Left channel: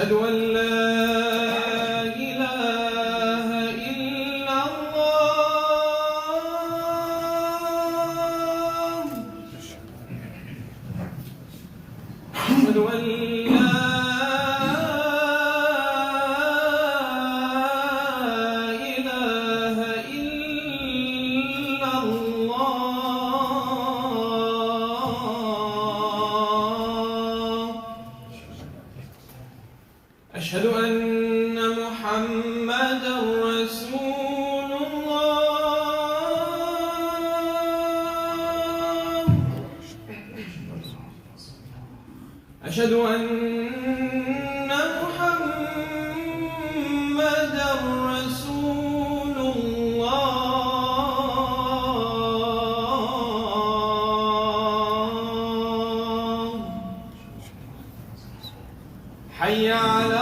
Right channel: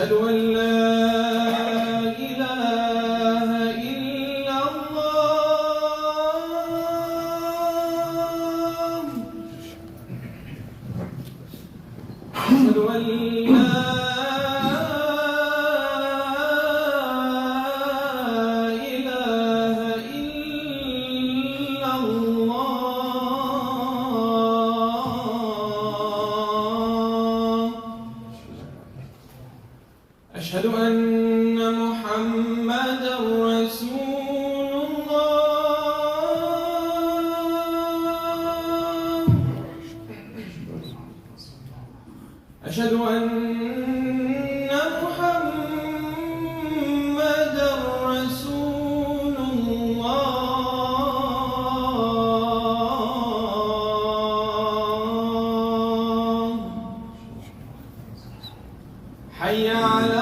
أشهد أن لا إله إلا الله أشهد أن لا أشهد أن محمدا رسول الله أشهد أن محمدا رسول الله حي على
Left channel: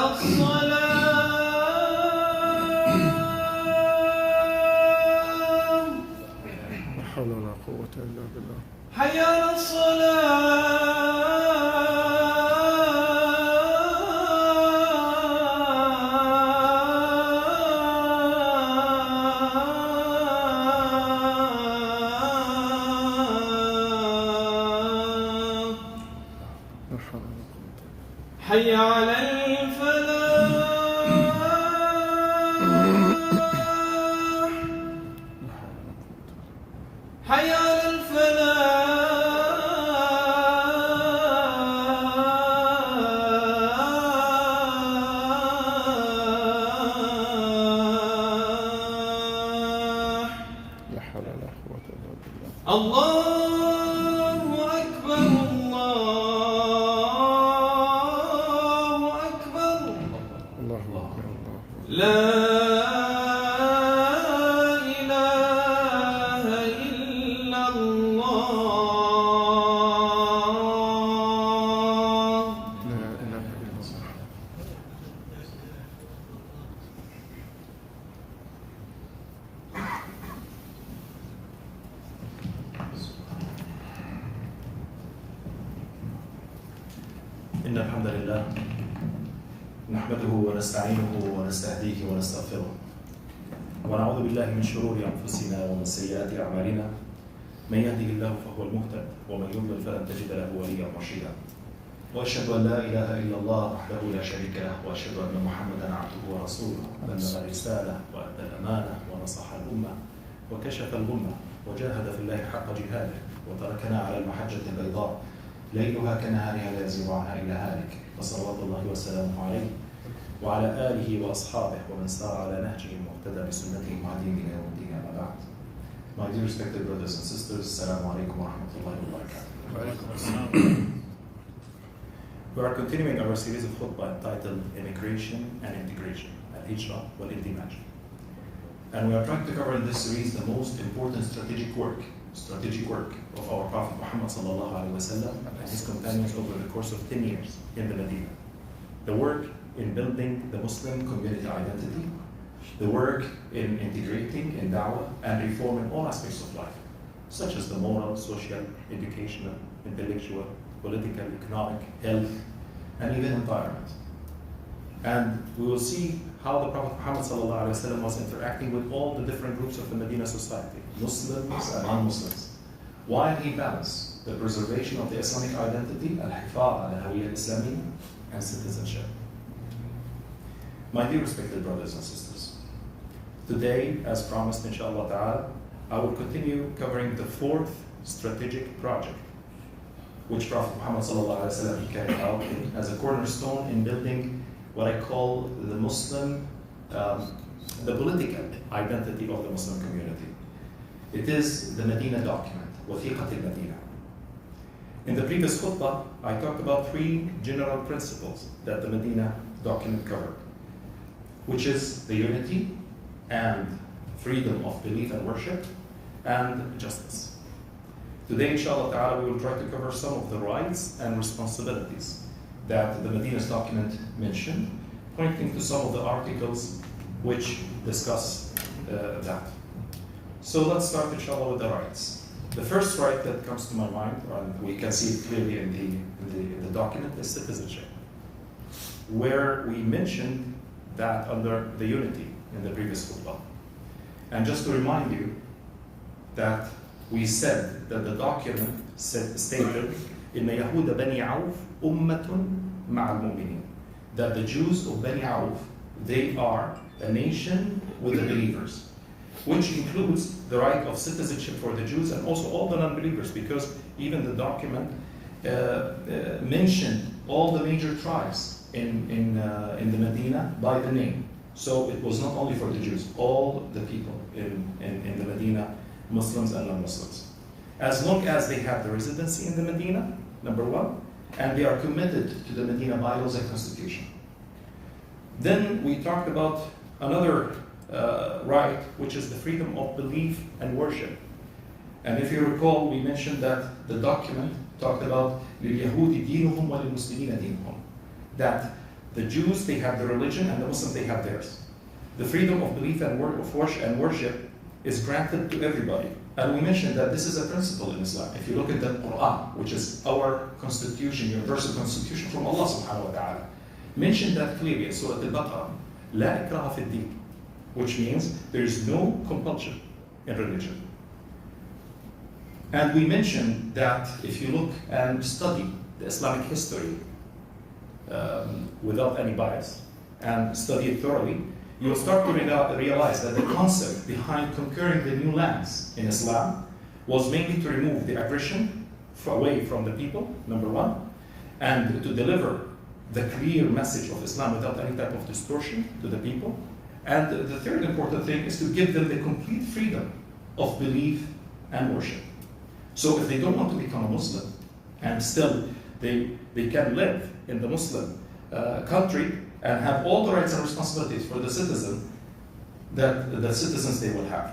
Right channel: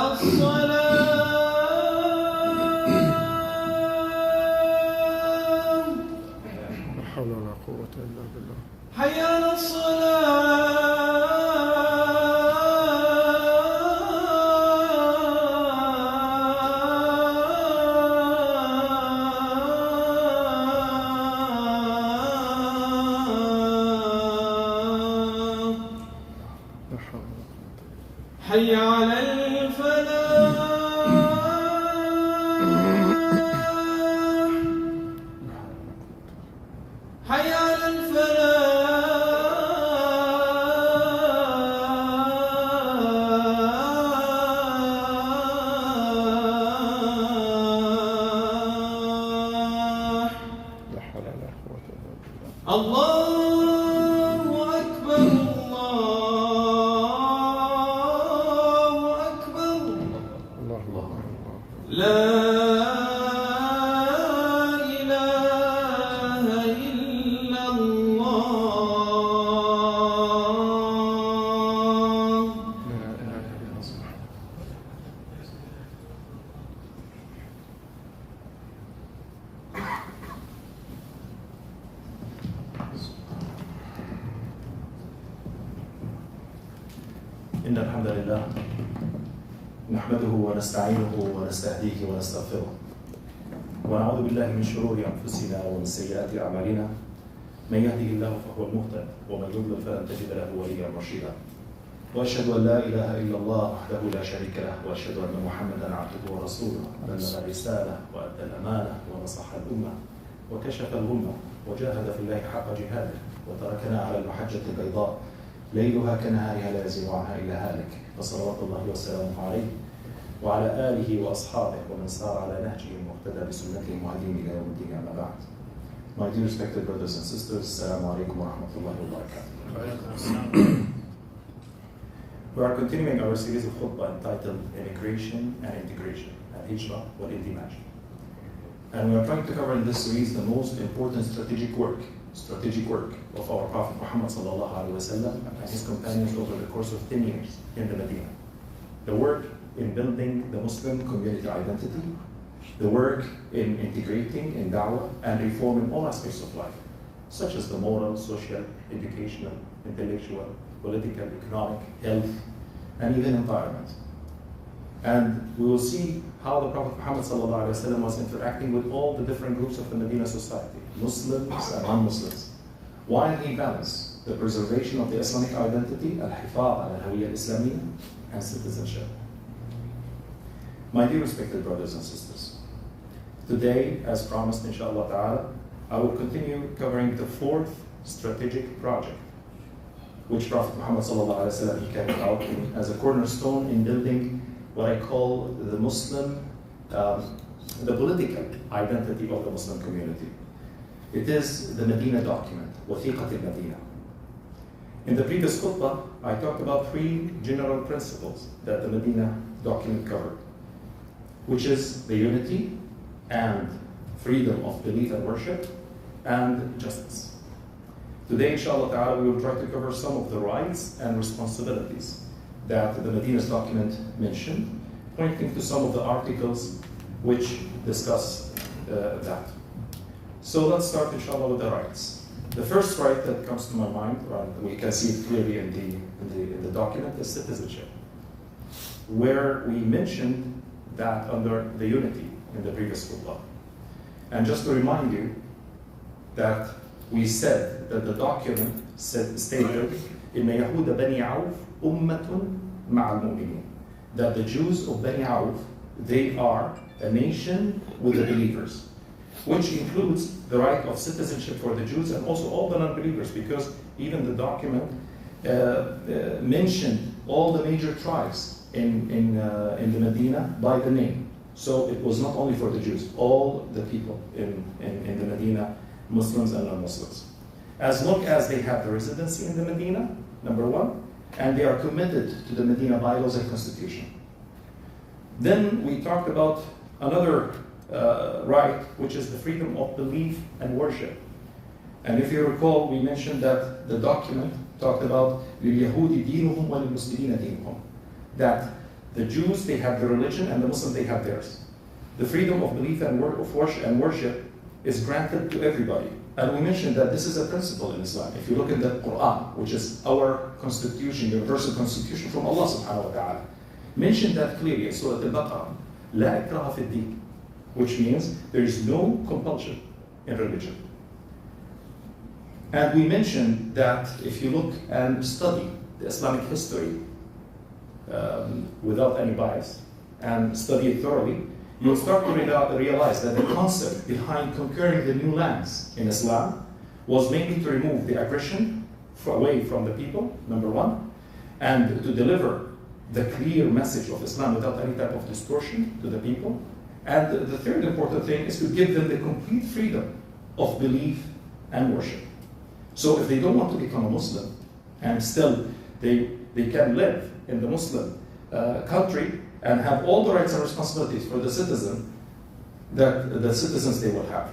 لا حول ولا قوة إلا بالله. حي على لا حول ولا قوة. حي على الفلاح حي على الفلاح لا حول ولا قوة إلا بالله. الله أكبر الله أكبر الله. لا إله إلا الله لا إله إلا الله. إن الحمد لله نحمده ونستعينه ونستهديه ونستغفره ونعوذ بالله من شرور أنفسنا ومن سيئات أعمالنا من يهده الله فهو المهتد ومن يضلل فلن تجد له وليا مرشدا وأشهد أن لا إله إلا الله وحده لا شريك له وأشهد أن محمدا عبده ورسوله بلغ الرسالة وأدى الأمانة ونصح الأمة وكشف الغمة وجاهد في الله حق جهاده وتركنا على المحجة البيضاء ليلها كنهارها لا يزيغ عنها إلا هالك فصلوات الله وسلامه عليه وعلى آله وأصحابه ومن سار على نهجهم واقتدى بسنتهم وهديهم إلى يوم الدين أما بعد. My dear respected brothers and sisters, Assalamu alaikum wa rahmatullahi wa barakatuh. We are continuing our series of khutbah entitled Immigration and Integration, Al-Hijrah wal-Indimaj. And we are trying to cover in this series the most important strategic work of our Prophet Muhammad sallallahu alaihi wasallam and his companions over the course of 10 years in the Madinah. The work in building the Muslim community identity, the work in integrating in da'wah and reforming all aspects of life, such as the moral, social, educational, intellectual, political, economic, health, and even environment. And we will see how the Prophet Muhammad ﷺ was interacting with all the different groups of the Medina society, Muslims and non-Muslims, while he balanced the preservation of the Islamic identity, al-hifaz al-hawiyya al-Islamiyya, and citizenship. My dear respected brothers and sisters, today, as promised inshallah ta'ala, I will continue covering the fourth strategic project which Prophet Muhammad ﷺ carried out as a cornerstone in building what I call the Muslim, the political identity of the Muslim community. It is the Medina document, Wathiqat al-Madinah. In the previous khutbah, I talked about three general principles that the Medina document covered, which is the unity and freedom of belief and worship and justice. Today, inshallah ta'ala, we will try to cover some of the rights and responsibilities that the Medina's document mentioned, pointing to some of the articles which discuss that. So let's start, inshallah, with the rights. The first right that comes to my mind, and we can see it clearly in the document, is citizenship. where we mentioned that under the unity in the previous khutbah. And just to remind you that we said that the document stated إن يهود بني عوف أمة مع المؤمنين, that the Jews of Bani Auf, they are a nation with the believers, which includes the right of citizenship for the Jews and also all the non-believers, because even the document mentioned all the major tribes in the Medina by the name. So it was not only for the Jews, all the people in the Medina, Muslims and non-Muslims. As long as they have the residency in the Medina, number one, and they are committed to the Medina bylaws and constitution. Then we talked about another right, which is the freedom of belief and worship. And if you recall, we mentioned that the document talked about لِلْيَهُودِ دِينُهُمْ وَلِلْمُسْلِمِينَ دِينُهُم, that the Jews, they have the religion, and the Muslims, they have theirs. The freedom of belief and worship is granted to everybody. And we mentioned that this is a principle in Islam. If you look at the Quran, which is our constitution, universal constitution from Allah subhanahu wa ta'ala, mentioned that clearly in Surah Al-Baqarah, لا إكراه في الدين, which means there is no compulsion in religion. And we mentioned that if you look and study the Islamic history without any bias and study it thoroughly, you will start to realize that the concept behind conquering the new lands in Islam was mainly to remove the aggression away from the people, number one, and to deliver the clear message of Islam without any type of distortion to the people. And the third important thing is to give them the complete freedom of belief and worship. So if they don't want to become a Muslim, and still they can live in the Muslim country and have all the rights and responsibilities for the citizen that the citizens they will have.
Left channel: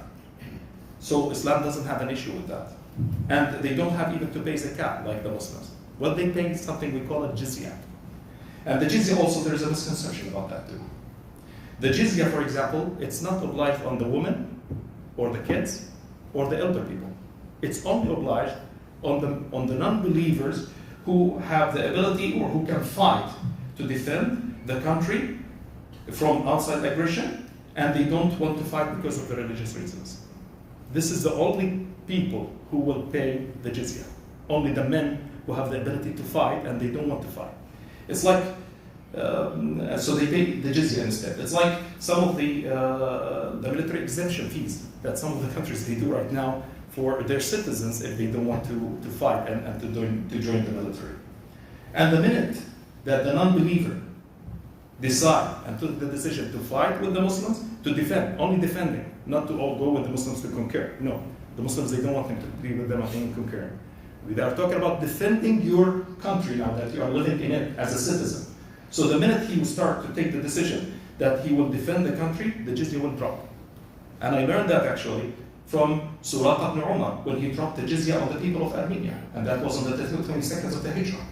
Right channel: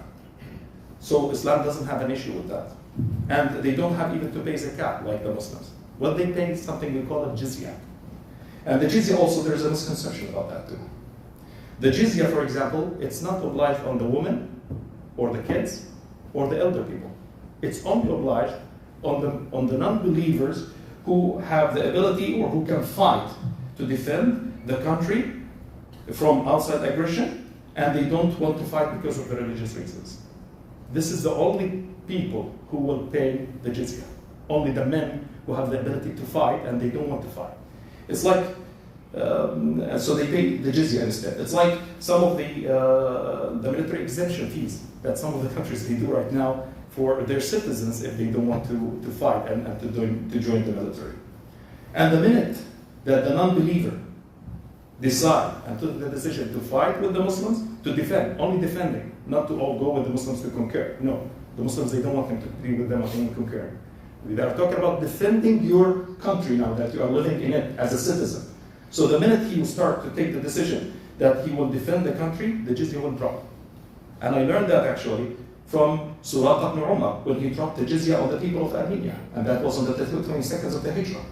So Islam doesn't have an issue with that. And they don't have even to pay zakat like the Muslims. What they pay is something we call a jizya. And the jizya also, there is a misconception about that too. The jizya, for example, it's not obliged on the women or the kids or the elder people. It's only obliged on the non-believers who have the ability or who can fight to defend the country from outside aggression, and they don't want to fight because of the religious reasons. This is the only people who will pay the jizya. Only the men who have the ability to fight and they don't want to fight. It's like, so they pay the jizya instead. It's like some of the military exemption fees that some of the countries they do right now for their citizens if they don't want to fight and to join the military. And the minute that the non-believer decide and took the decision to fight with the Muslims, to defend, only defending, not to all go with the Muslims to conquer. No, the Muslims, they don't want them to be with them and conquering. They are talking about defending your country now that you are living in it as a citizen. So the minute he will start to take the decision that he will defend the country, the jizya will drop. And I learned that actually from Suraq ibn Umar when he dropped the jizya on the people of Armenia, and that was on the 22nd of the Hijrah.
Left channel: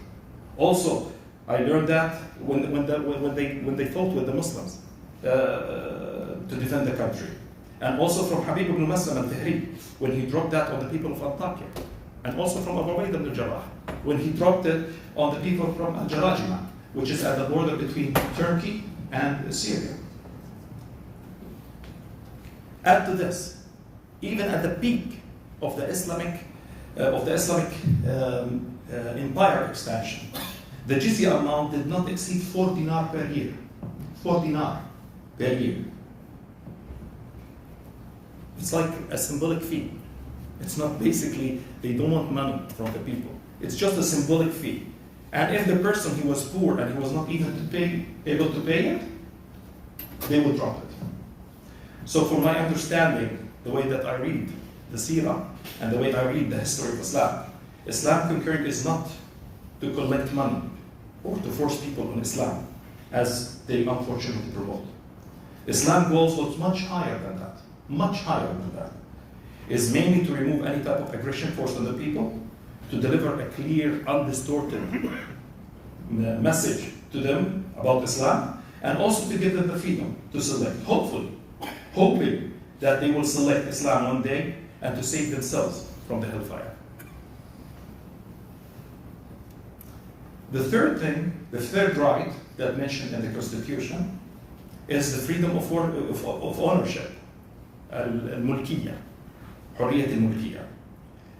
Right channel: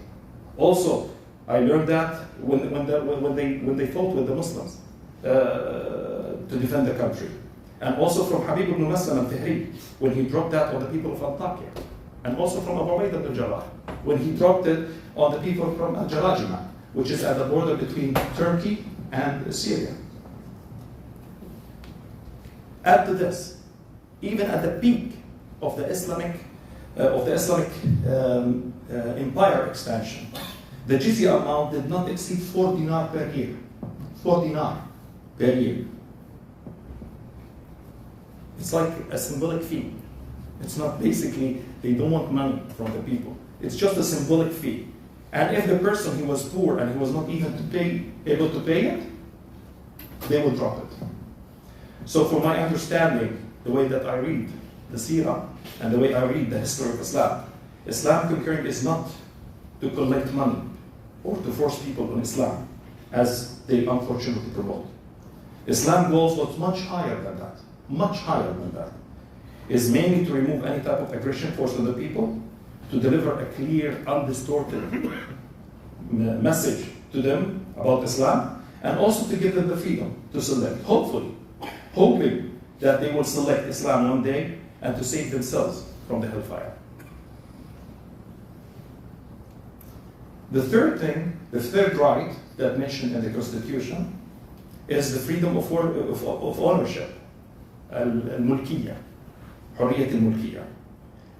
Also, I learned that when they fought with the Muslims to defend the country. And also from Habib ibn Maslam al-Fihri, when he dropped that on the people of Antakya. And also from Abu Ubaid ibn Jarrah, when he dropped it on the people from Al-Jarajima, which is at the border between Turkey and Syria. Add to this, even at the peak of the Islamic empire expansion, the jizya amount did not exceed 4 dinar per year. 4 dinar per year. It's like a symbolic fee. It's not basically, they don't want money from the people. It's just a symbolic fee. And if the person, he was poor and he was not even able to pay it, they will drop it. So for my understanding, the way that I read the seerah and the way I read the history of Islam, Islam conquering is not to collect money or to force people on Islam, as they unfortunately promote. Islam goals was much higher than that, much higher than that. Is mainly to remove any type of aggression forced on the people, to deliver a clear, undistorted message to them about Islam, and also to give them the freedom to select, hoping that they will select Islam one day and to save themselves from the hellfire. The third thing, the third right that mentioned in the Constitution is the freedom of ownership, الملكية, حرية الملكية.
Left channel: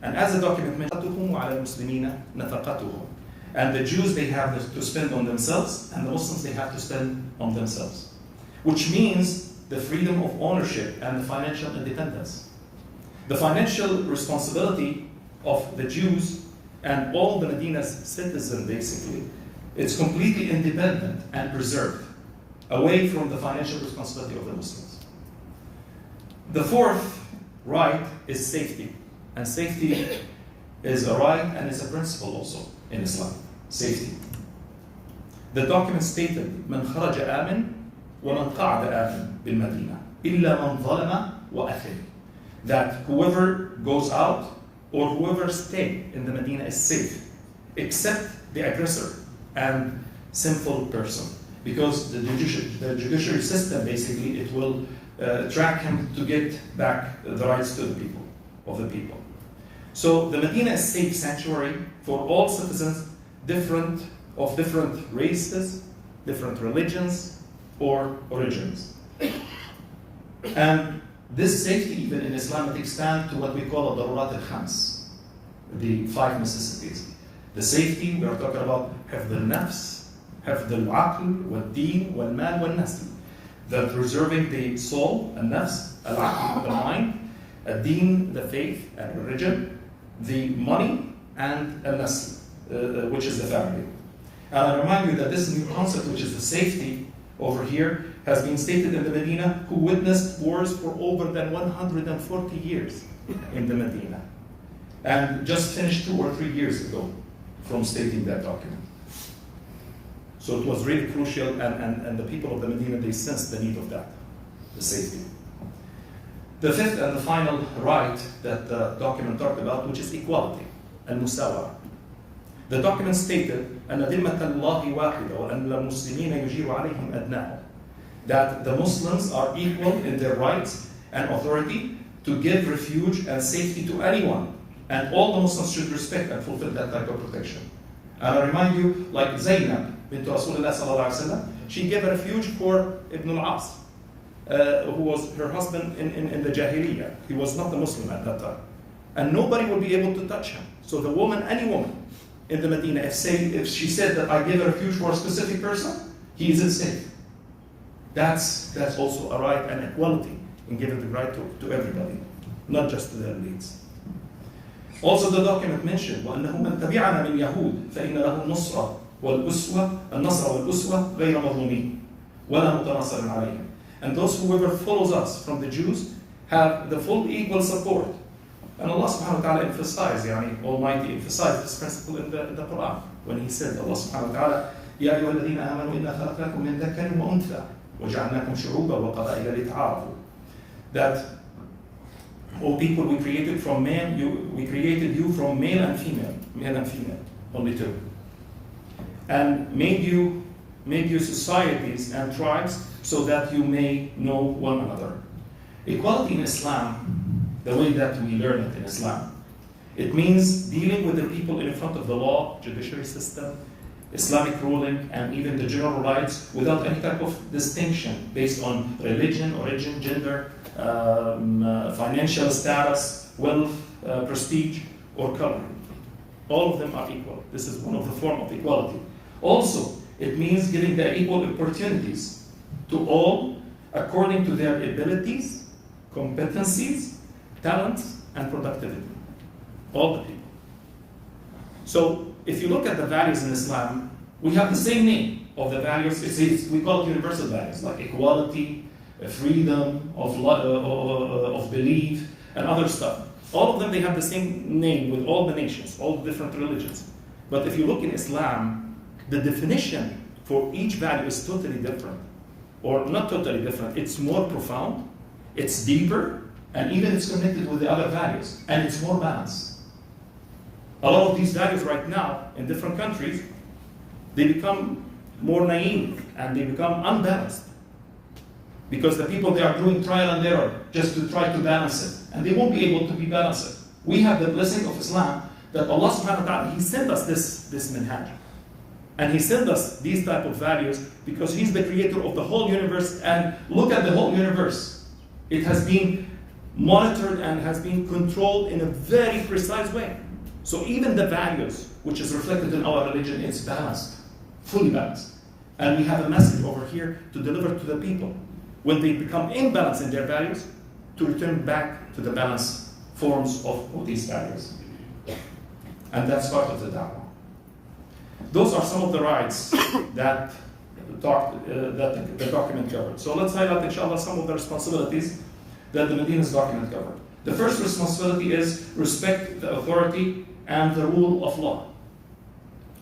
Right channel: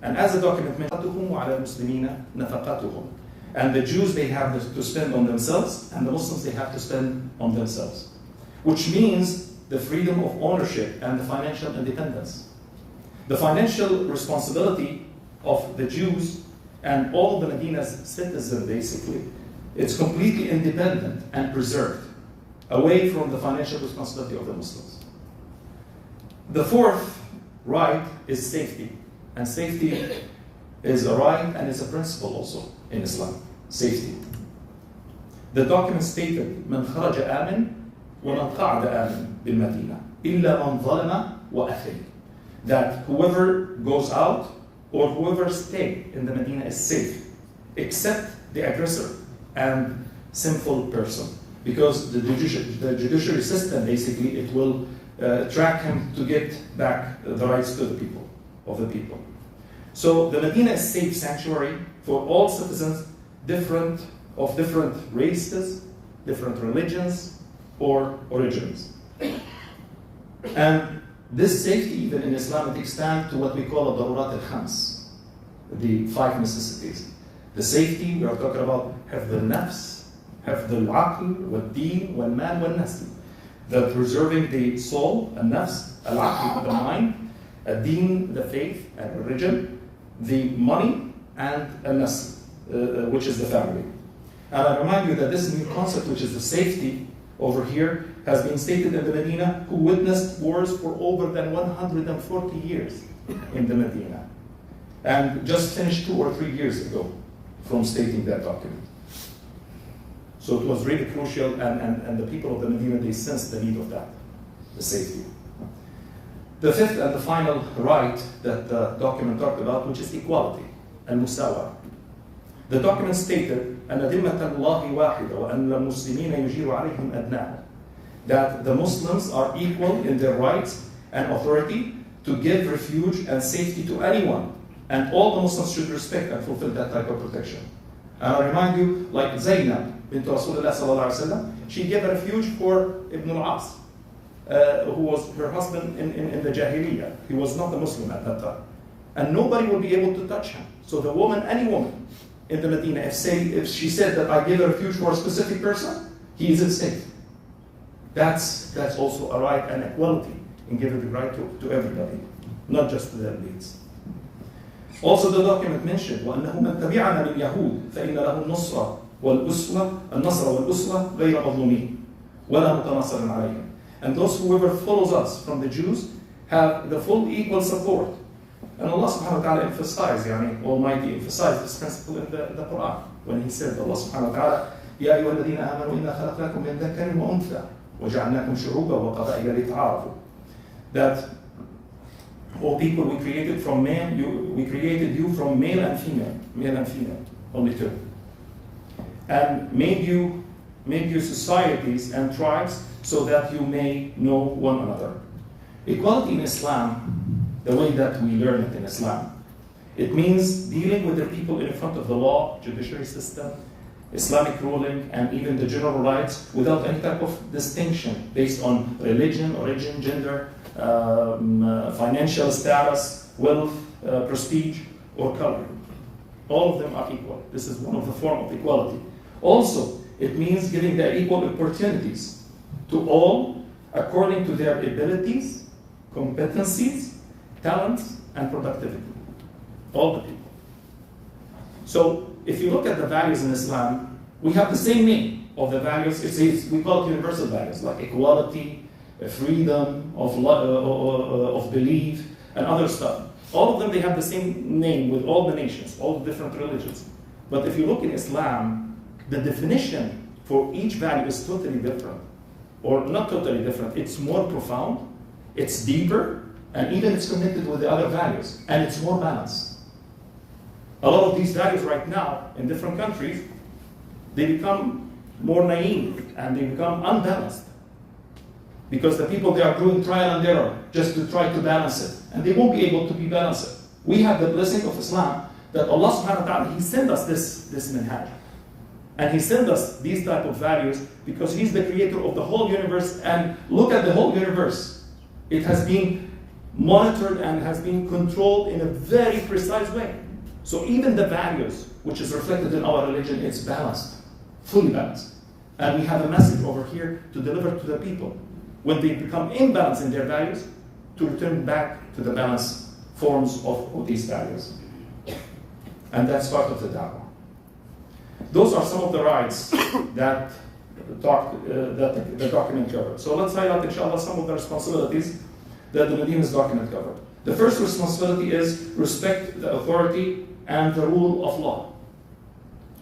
And as the document mentioned, وعلى المسلمين نفقتهم. And the Jews, they have to spend on themselves, and the Muslims, they have to spend on themselves. Which means the freedom of ownership and the financial independence. The financial responsibility of the Jews and all the Medina's citizens, basically, it's completely independent and preserved, away from the financial responsibility of the Muslims. The fourth right is safety. And safety is a right and is a principle also in Islam. Safety. The document stated, من خرج آمن ومن قعد آمن بالمدينة إلا من ظلم وأثم. That whoever goes out or whoever stays in the Medina is safe, except the aggressor and sinful person. Because the judiciary system, basically, it will track him to get back the rights to the people, of the people. So the Medina is a safe sanctuary for all citizens, different races, different religions, or origins. And this safety, even in Islam, it extends to what we call al-darurat al-khams, the 5 necessities. The safety, we are talking about حفظ النفس, حفظ العقل, والدين, والمال, والنسل. That preserving the soul, النفس, العقل, the mind, الدين, the faith and religion, the money, and النسل, which is the family. And I remind you that this new concept, which is the safety over here, has been stated in the Medina, who witnessed wars for over than 140 years in the Medina. And just finished 2 or 3 years ago from stating that document. So it was really crucial, and the people of the Medina, they sensed the need of that, the safety. The fifth and the final right that the document talked about, which is equality, al-Musawa. The document stated, أن ذمة الله واحدة وأن المسلمين يجير عليهم أدناهم. That the Muslims are equal in their rights and authority to give refuge and safety to anyone, and all the Muslims should respect and fulfill that type of protection. And I remind you, like Zainab bint Rasulullah sallallahu alaihi wasallam, she gave a refuge for Ibn al-As, who was her husband in the Jahiliyyah. He was not a Muslim at that time. And nobody will be able to touch him. So the woman, any woman in the Medina, if she said that I give a refuge for a specific person, he isn't safe. That's also a right and equality in giving the right to everybody, not just to the elites. Also the document mentioned, وأنه من تبعنا من يهود فإن له النصرة والأسوة غير مظلومين ولا متناصر عليهم. And those whoever follows us from the Jews have the full equal support. And Allah subhanahu wa ta'ala emphasized, Almighty emphasized this principle in the Quran when He said, Allah subhanahu wa ta'ala, يا أيها الذين آمنوا إنا خلقناكم من ذكر وأنثى وجعلناكم شعوبا وقبائل لتعارفوا. That, O people, we created you from male and female, only two, and made you societies and tribes so that you may know one another. Equality in Islam, the way that we learn it in Islam, it means dealing with the people in front of the law, judiciary system, Islamic ruling, and even the general rights without any type of distinction based on religion, origin, gender, financial status, wealth, prestige, or color. All of them are equal. This is one of the forms of equality. Also, it means giving the equal opportunities to all according to their abilities, competencies, talents, and productivity. All the people. So, if you look at the values in Islam, we have the same name of the values. We call it universal values, like equality, freedom of belief, and other stuff. All of them, they have the same name with all the nations, all the different religions. But if you look in Islam, the definition for each value is totally different. Or not totally different, it's more profound, it's deeper, and even it's connected with the other values, and it's more balanced. A lot of these values right now in different countries, they become more naive and they become unbalanced. Because the people, they are doing trial and error just to try to balance it. And they won't be able to be balanced. We have the blessing of Islam that Allah subhanahu wa ta'ala, He sent us this minhaj. And He sent us these type of values because He's the creator of the whole universe. And look at the whole universe. It has been monitored and has been controlled in a very precise way. So even the values, which is reflected in our religion, it's balanced, fully balanced. And we have a message over here to deliver to the people. When they become imbalanced in their values, to return back to the balanced forms of these values. And that's part of the da'wah. Those are some of the rights that the document covered. So let's highlight, inshallah, some of the responsibilities that the Madinah's document covered. The first responsibility is respect the authority and the rule of law.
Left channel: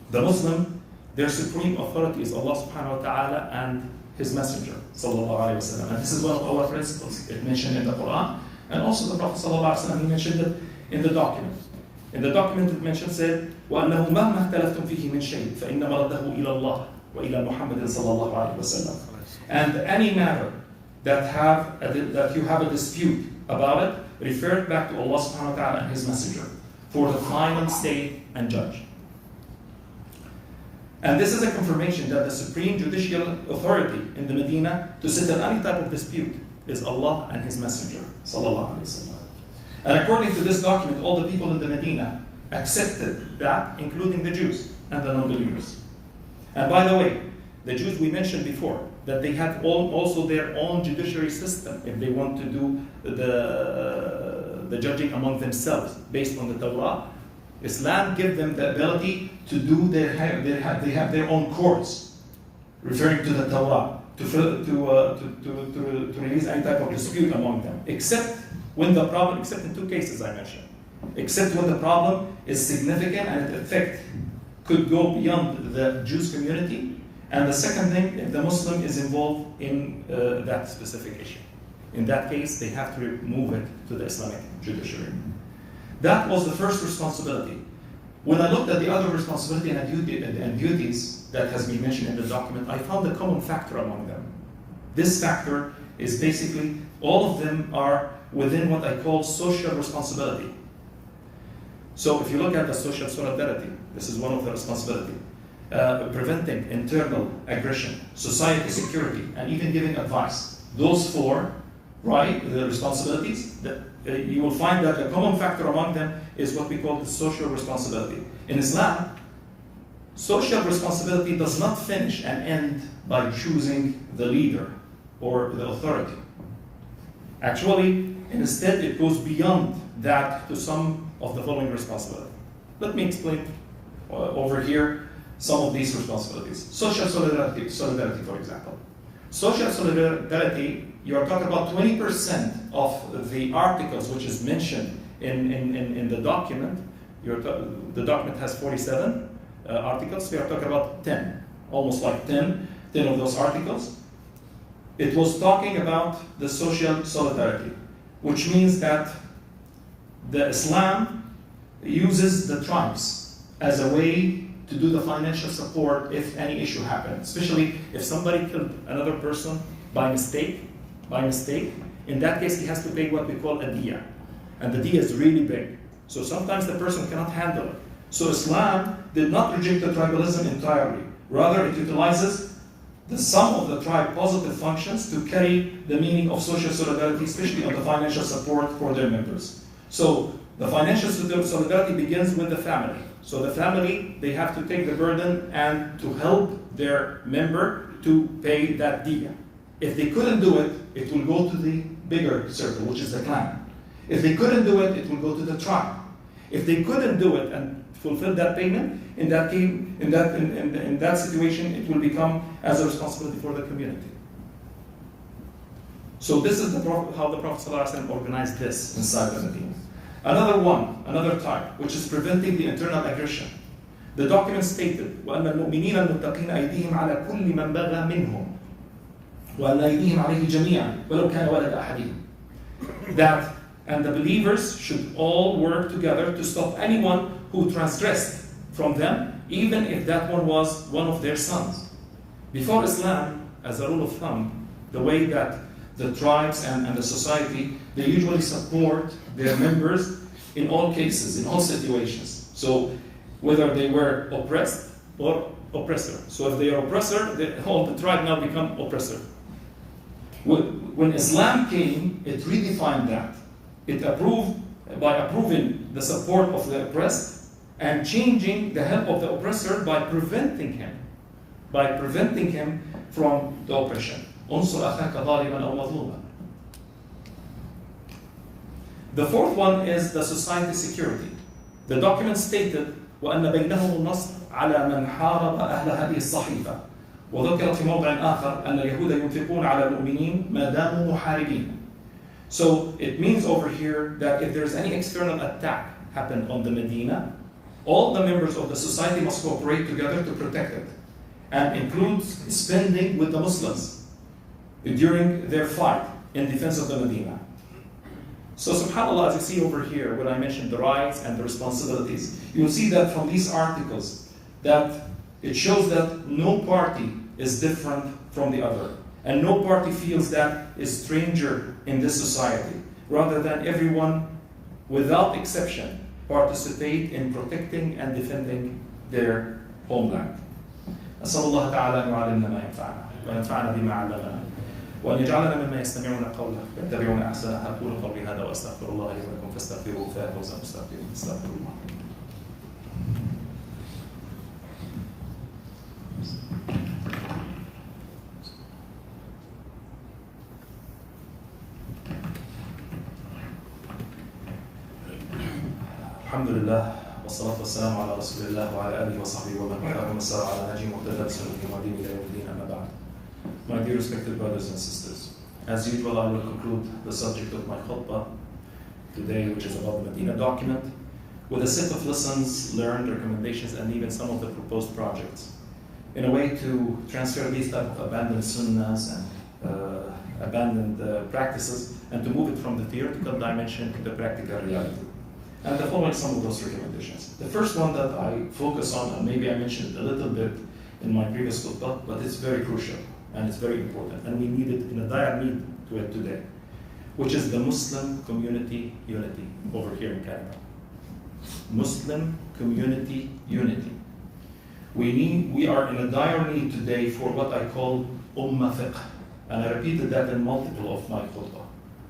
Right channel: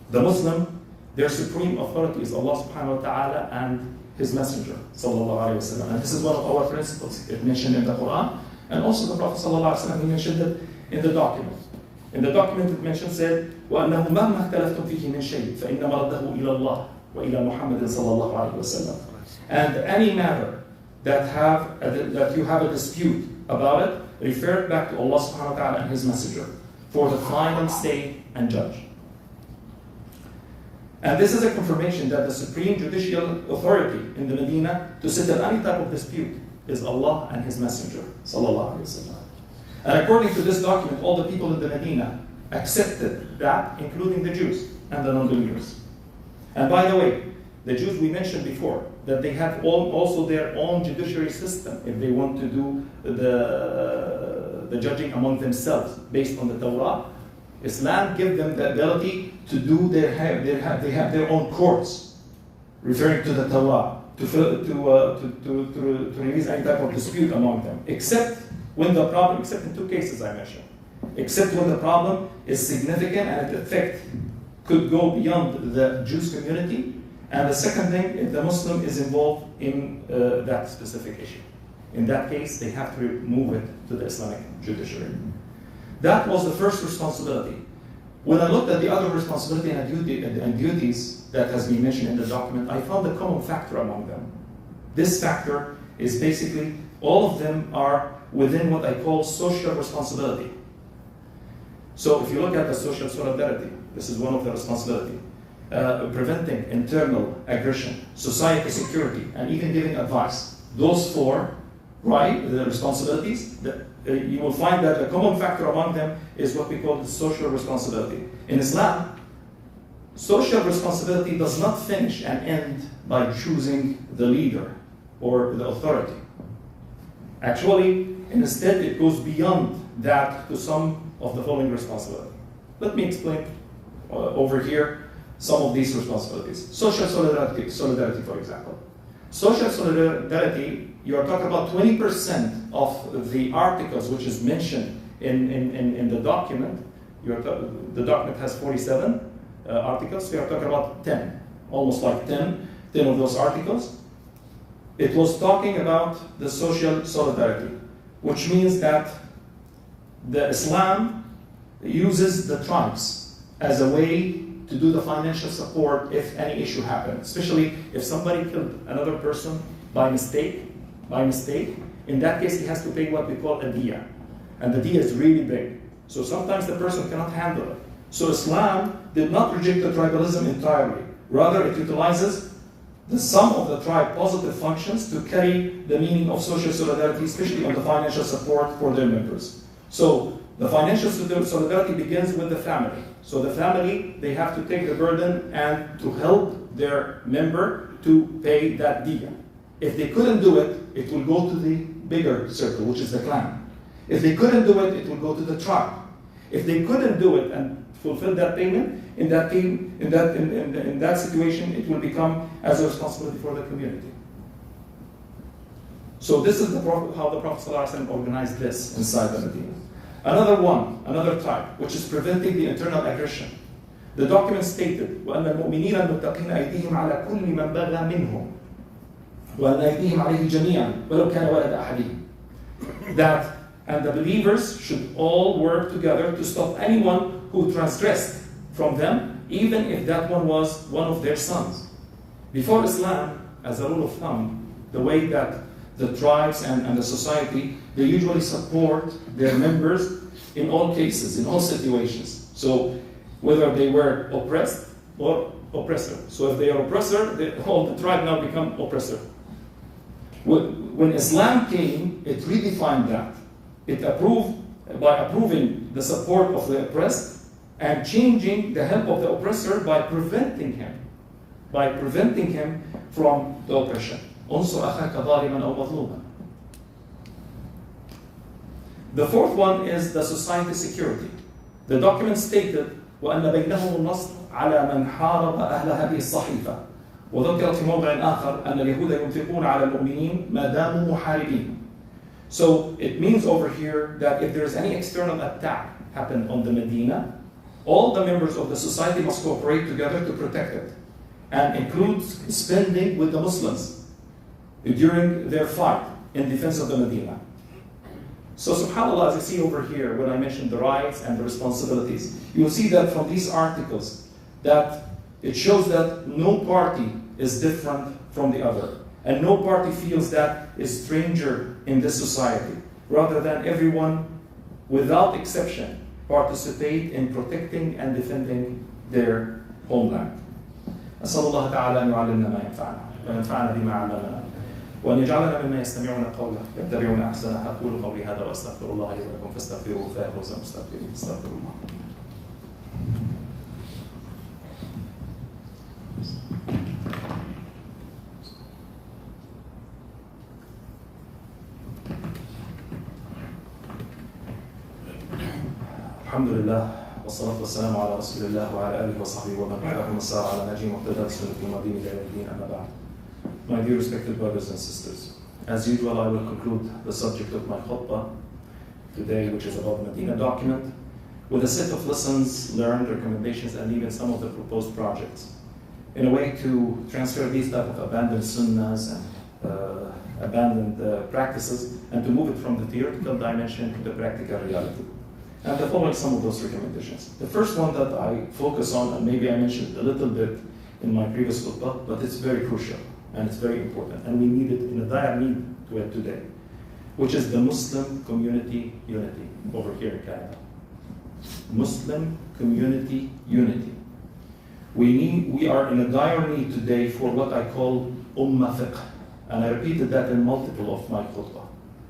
The Muslim, their supreme authority is Allah subhanahu wa ta'ala and His Messenger, sallallahu alayhi wa sallam. And this is one of our principles. It mentioned in the Quran, and also the Prophet sallallahu alayhi wa sallam, he mentioned it in the document. In the document it mentioned, said, وَأَنَّهُ مَهْمَا اخْتَلَفْتُمْ فِيهِ مِنْ شَيْءٍ فَإِنَّمَا رَدَّهُ إِلَى اللَّهِ وَإِلَى مُحَمَّدٍ صَلَّى اللَّهُ عَلَيْهِ وَسَلَّمَ. And any matter that you have a dispute about it, refer it back to Allah subhanahu wa ta'ala and His Messenger for the final say and judge. And this is a confirmation that the supreme judicial authority in the Medina to settle any type of dispute is Allah and His Messenger, sallallahu alayhi wa sallam. And according to this document, all the people in the Medina accepted that, including the Jews and the non-believers. And by the way, the Jews we mentioned before, that they have also their own judiciary system if they want to do the judging among themselves based on the Torah. Islam gives them the ability to do they have their own courts, referring to the Torah, to release any type of dispute among them, except in two cases I mentioned, except when the problem is significant and its effect could go beyond the Jews community, and the second thing, if the Muslim is involved in that specific issue. In that case, they have to move it to the Islamic judiciary. That was the first responsibility. When I looked at the other responsibility and duties that has been mentioned in the document, I found a common factor among them. This factor is basically, all of them are within what I call social responsibility. So if you look at the social solidarity, this is one of the responsibility. Preventing internal aggression, society security, and even giving advice. Those four, right, the responsibilities, you will find that a common factor among them is what we call the social responsibility. In Islam, social responsibility does not finish and end by choosing the leader or the authority. Actually, instead, it goes beyond that to some of the following responsibilities. Let me explain over here some of these responsibilities. Social solidarity, for example. Social solidarity, you are talking about 20% of the articles which is mentioned in the document. The document has 47 articles, so you are talking about 10, almost like 10 of those articles. It was talking about the social solidarity, which means that the Islam uses the tribes as a way to do the financial support if any issue happens, especially if somebody killed another person by mistake. In that case, he has to pay what we call a diya, and the diya is really big. So sometimes the person cannot handle it. So Islam did not reject the tribalism entirely. Rather, it utilizes the sum of the tribe positive functions to carry the meaning of social solidarity, especially on the financial support for their members. So the financial solidarity begins with the family. So the family, they have to take the burden and to help their member to pay that diya. If they couldn't do it, it will go to the bigger circle, which is the clan. If they couldn't do it, it will go to the tribe. If they couldn't do it and fulfill that payment, in that situation, it will become as a responsibility for the community. So this is how the Prophet ﷺ organized this inside the Medina. Another type, which is preventing the internal aggression. The document stated, وَأَنَّ الْمُؤْمِنِينَ الْمُتَّقِينَ أَيْدِيهِمْ عَلَى كُلِّ مَنْ بَغَى مِنْهُمْ وَأَنَّ أَيْدِيهِمْ عَلَيْهِ جَمِيعًا وَلَوْ كَانَ وَلَدَ أَحَدِهِمْ. That, and the believers should all work together to stop anyone who transgressed from them, even if that one was one of their sons. Before Islam, as a rule of thumb, the way that the tribes and the society, they usually support their members in all cases, in all situations. So whether they were oppressed or oppressor. So if they are oppressor, all the tribe now become oppressor. When Islam came, it redefined that. It by approving the support of the oppressed and changing the help of the oppressor by preventing him from the oppression. انصر أخاك ظالما أو مظلوما. The fourth one is the society security. The document stated وأن بينهم النصر على من حارب أهل هذه الصحيفة. وذكرت في موضع آخر أن اليهود ينفقون على المؤمنين ما داموا محاربين. So it means over here that if there's any external attack happened on the Medina, all the members of the society must cooperate together to protect it, and includes spending with the Muslims during their fight in defense of the Medina. So subhanAllah, as you see over here, when I mentioned the rights and the responsibilities, you'll see that from these articles that it shows that no party is different from the other. And no party feels that is stranger in this society. Rather than everyone, without exception, participate in protecting and defending their homeland. أسأل الله تعالى أن يعلمنا ما ينفعنا وينفعنا بما علمنا وأن يجعلنا مما يستمعون قوله يتبعون أحسنه. أقول قولي هذا وأستغفر الله لي ولكم فاستغفروه فيفوز المستغفرين. استغفر الله. الحمد لله والصلاة والسلام على رسول الله وعلى آله وصحبه ومن تبعهم وسار على نهجهم واهتدى بسنته وهديه إلى يوم الدين أما بعد. My dear respected brothers and sisters, as usual I will conclude the subject of my khutbah today, which is about the Madinah document, with a set of lessons learned, recommendations, and even some of the proposed projects, in a way to transfer these type of abandoned sunnahs and abandoned practices, and to move it from the theoretical dimension to the practical reality. And the following some of those recommendations. The first one that I focus on, and maybe I mentioned a little bit in my previous khutbah, but it's very crucial and it's very important, and we need it in a dire need to it today, which is the Muslim community unity over here in Canada. Muslim community unity. We are in a dire need today for what I call ummah fiqh, and I repeated that in multiple of my khutbah.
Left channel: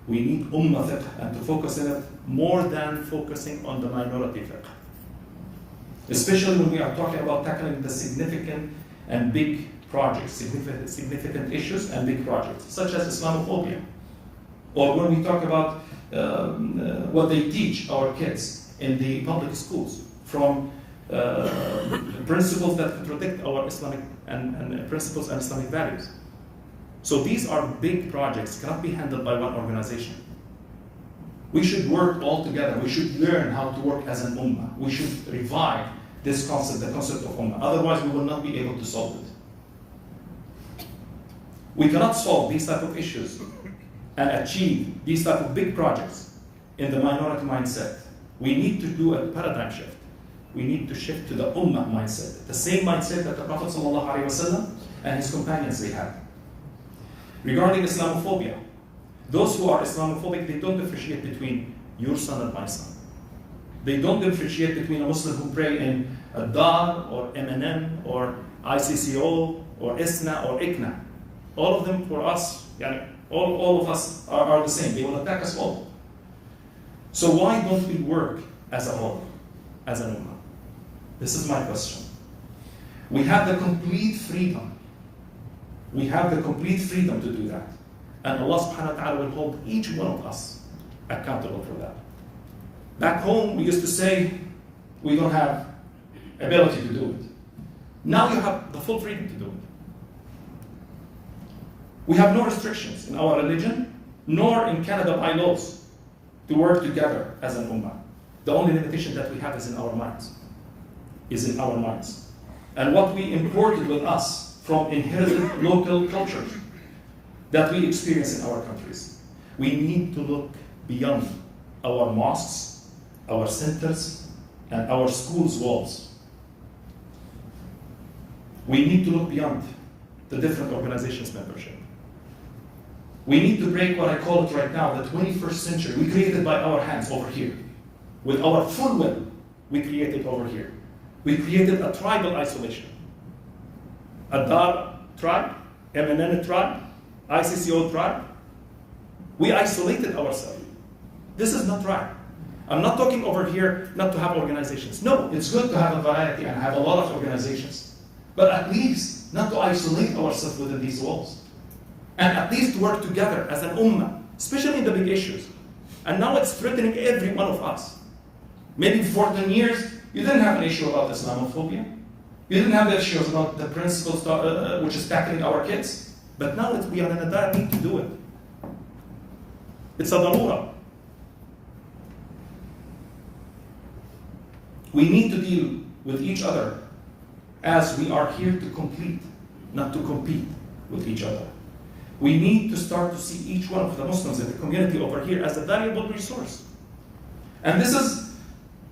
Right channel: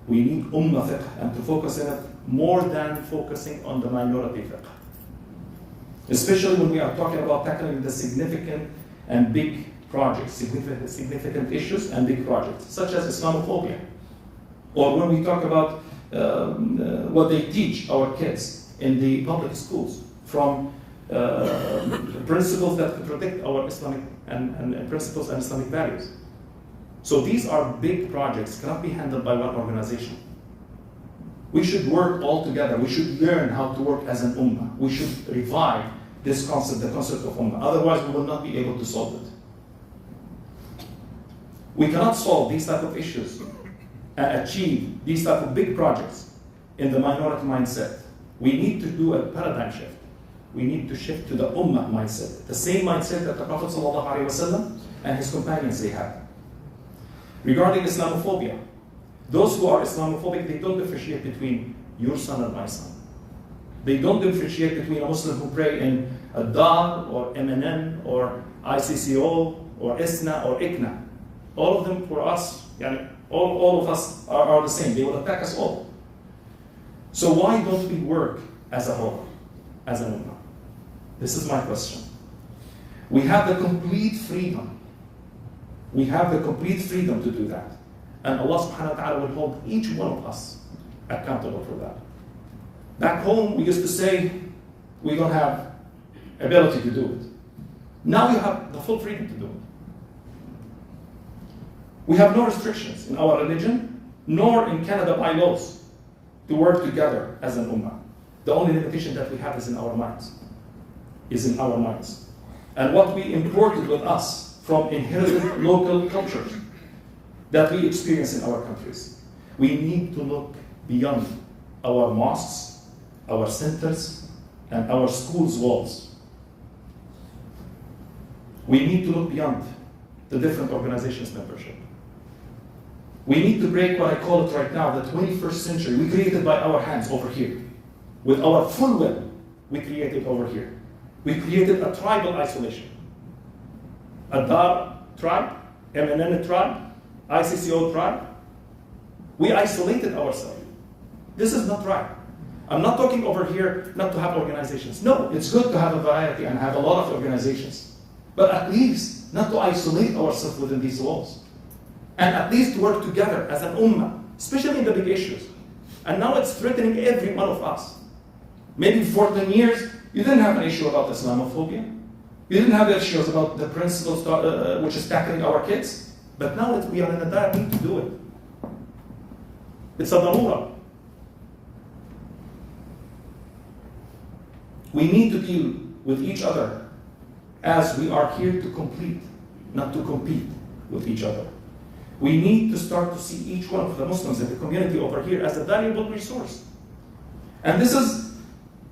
We need ummah fiqh, and to focus in it more than focusing on the minority fiqh. Especially when we are talking about tackling the significant and big projects, significant issues and big projects, such as Islamophobia. Or when we talk about what they teach our kids in the public schools, from principles that protect our Islamic and principles and Islamic values. So these are big projects, cannot be handled by one organization. We should work all together. We should learn how to work as an ummah. We should revive this concept, the concept of ummah. Otherwise, we will not be able to solve it. We cannot solve these type of issues and achieve these type of big projects in the minority mindset. We need to do a paradigm shift. We need to shift to the ummah mindset, the same mindset that the Prophet ﷺ and his companions they had. Regarding Islamophobia, those who are Islamophobic, they don't differentiate between your son and my son. They don't differentiate between a Muslim who pray in a Dar or MNN or ICCO or ISNA or ICNA. All of them for us, all of us are the same. They will attack us all. So why don't we work as a whole, as an ummah? This is my question. We have the complete freedom. We have the complete freedom to do that. And Allah subhanahu wa ta'ala will hold each one of us accountable for that. Back home, we used to say, we don't have ability to do it. Now you have the full freedom to do it. We have no restrictions in our religion, nor in Canada bylaws, to work together as an ummah. The only limitation that we have is in our minds. And what we imported with us from inherited local cultures that we experience in our countries. We need to look beyond our mosques, our centers, and our schools' walls. We need to look beyond the different organizations' membership. We need to break what I call it right now, the 21st century. We created by our hands over here. With our full will, we created over here. We created a tribal isolation. Adar tribe, MNN tribe, ICCO tribe. We isolated ourselves. This is not right. I'm not talking over here not to have organizations. No, it's good to have a variety and have a lot of organizations. But at least not to isolate ourselves within these walls. And at least work together as an ummah, especially in the big issues. And now it's threatening every one of us. Maybe before 10 years, you didn't have an issue about Islamophobia. You didn't have issues about the principles which is tackling our kids. But now we are in a dire need to do it. It's a darura. We need to deal with each other as we are here to complete, not to compete with each other. We need to start to see each one of the Muslims in the community over here as a valuable resource. And this is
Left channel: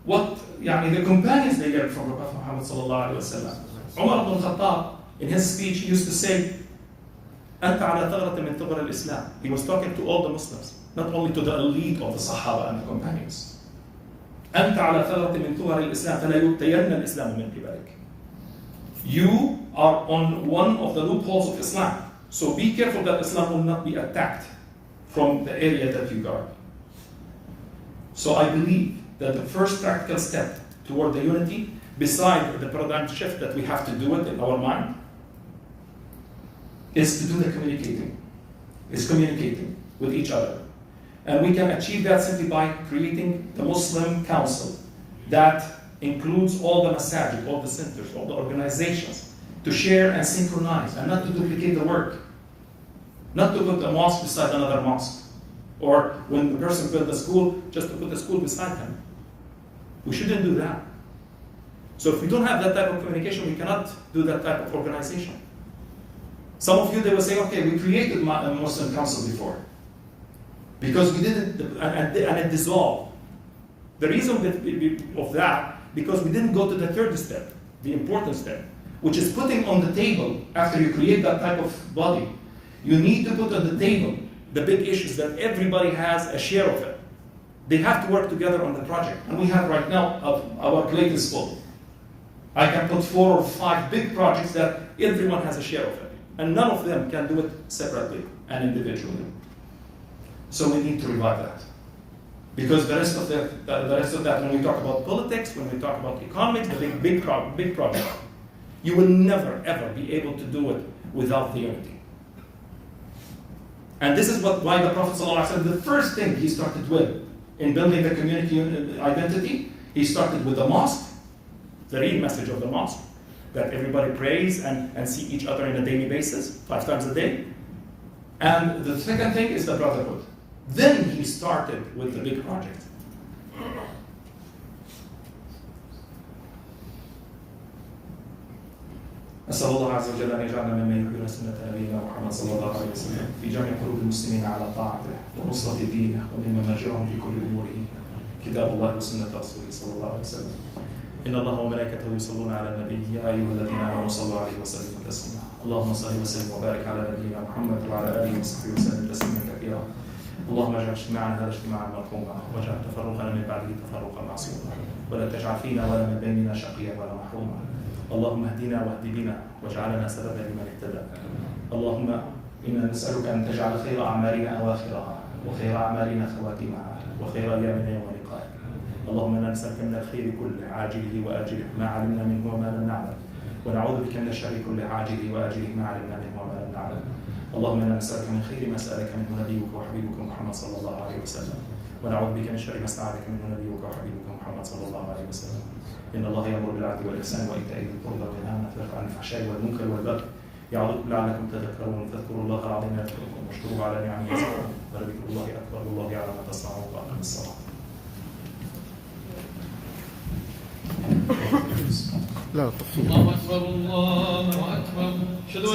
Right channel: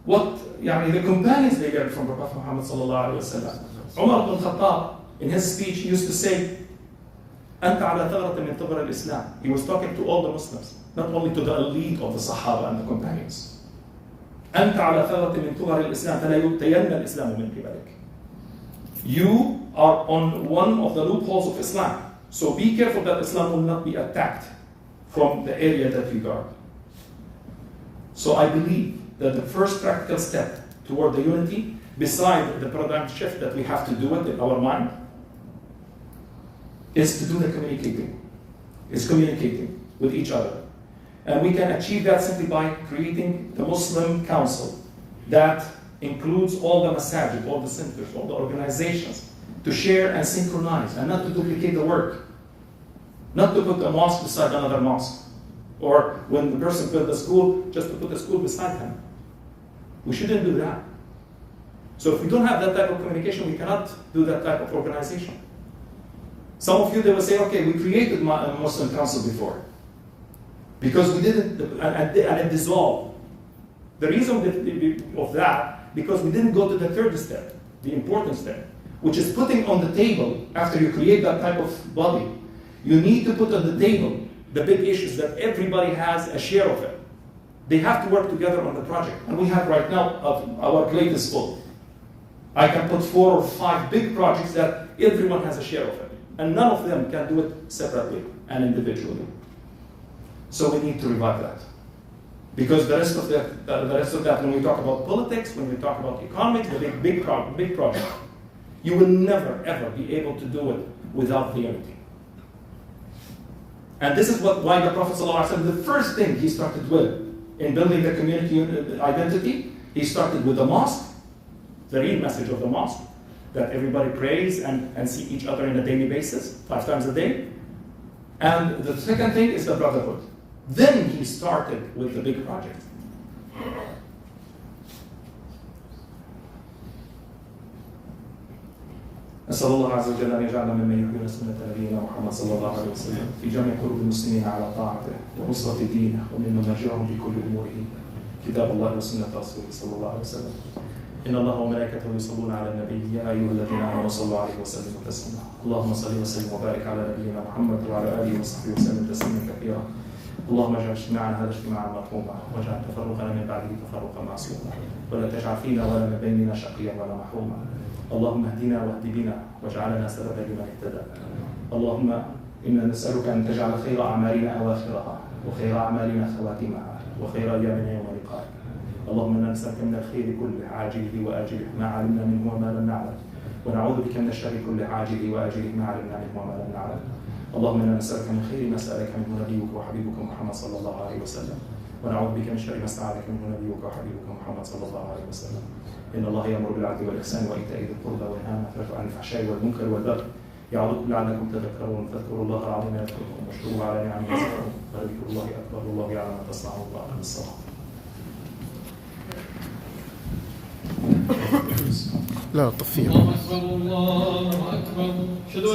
what the companions they learned from the Prophet Muhammad sallallahu alaihi wasallam. Umar ibn Khattab, in his speech, he used to say, أنت على ثغرة من ثغر الإسلام. He was talking to all the Muslims, not only to the elite of the Sahaba and the companions. أنت على ثغرة من ثغر الإسلام فلا يبتين الإسلام من قبلك. You are on one of the loopholes of Islam. So be careful that Islam will not be attacked from the area that you guard. So I believe that the first practical step toward the unity, beside the paradigm shift that we have to do it in our mind, is to do the communicating. Is communicating with each other. And we can achieve that simply by creating the Muslim Council that includes all the masajid, all the centers, all the organizations, to share and synchronize and not to duplicate the work. Not to put a mosque beside another mosque. Or when the person built the school, just to put the school beside him. We shouldn't do that. So if we don't have that type of communication, we cannot do that type of organization. Some of you, they will say, okay, we created a Muslim Council before. Because we didn't, and it dissolved. The reason of that, because we didn't go to the third step, the important step, which is putting on the table, after you create that type of body, you need to put on the table the big issues that everybody has a share of it. They have to work together on the project. And we have right now, our plate is full. I can put 4 or 5 big projects that everyone has a share of it. And none of them can do it separately and individually. So we need to revive that. Because the rest of that, when we talk about politics, when we talk about economics, the big project, you will never, ever be able to do it without the unity. And this is why the Prophet ﷺ, the first thing he started with in building the community identity, he started with the mosque, the real message of the mosque, that everybody prays and see each other on a daily basis, 5 times a day. And the second thing is the brotherhood. Then he started with the big project. أسأل الله عز وجل أن يجعلنا ممن يحيون سنة نبينا محمد صلى الله عليه وسلم في جمع قلوب المسلمين على طاعته ونصرة دينه ومن مرجعهم في كل أمورهم كتاب الله وسنة رسوله صلى الله عليه وسلم. إن الله وملائكته يصلون على النبي يا أيها الذين آمنوا صلوا عليه وسلموا تسليما. اللهم صل وسلم وبارك على نبينا محمد وعلى آله وصحبه وسلم تسليما كثيرا. اللهم اجعل اجتماعنا هذا اجتماعا مرحوما واجعل تفرقنا من بعده تفرقا معصوما ولا تجعل فينا ولا من بيننا شقيا ولا محروما. اللهم اهدنا واهد بنا واجعلنا سببا لمن اهتدى. اللهم انا نسالك ان تجعل خير اعمالنا اواخرها وخير اعمالنا خواتمها وخير ايامنا يوم لقائك. اللهم انا نسالك من الخير كله عاجله واجله ما علمنا منه وما لم نعلم ونعوذ بك من الشر كله عاجله واجله ما علمنا منه وما لم نعلم. اللهم انا نسالك من خير ما سالك منه نبيك وحبيبك محمد صلى الله عليه وسلم ونعوذ بك من شر ما استعاذك منه نبيك وحبيبك محمد صلى الله عليه وسلم. إن الله يأمر بالعدل والإحسان وإيتاء ذي القربى وينهى عن الفحشاء والمنكر والبغي يعظكم لعلكم تذكرون فاذكروا الله العظيم يذكركم واشكروه على نعمه يزدكم ولذكر الله أكبر والله يعلم ما تصنعون وأقم الصلاة. لا تفصيل. الله أكبر الله أكبر.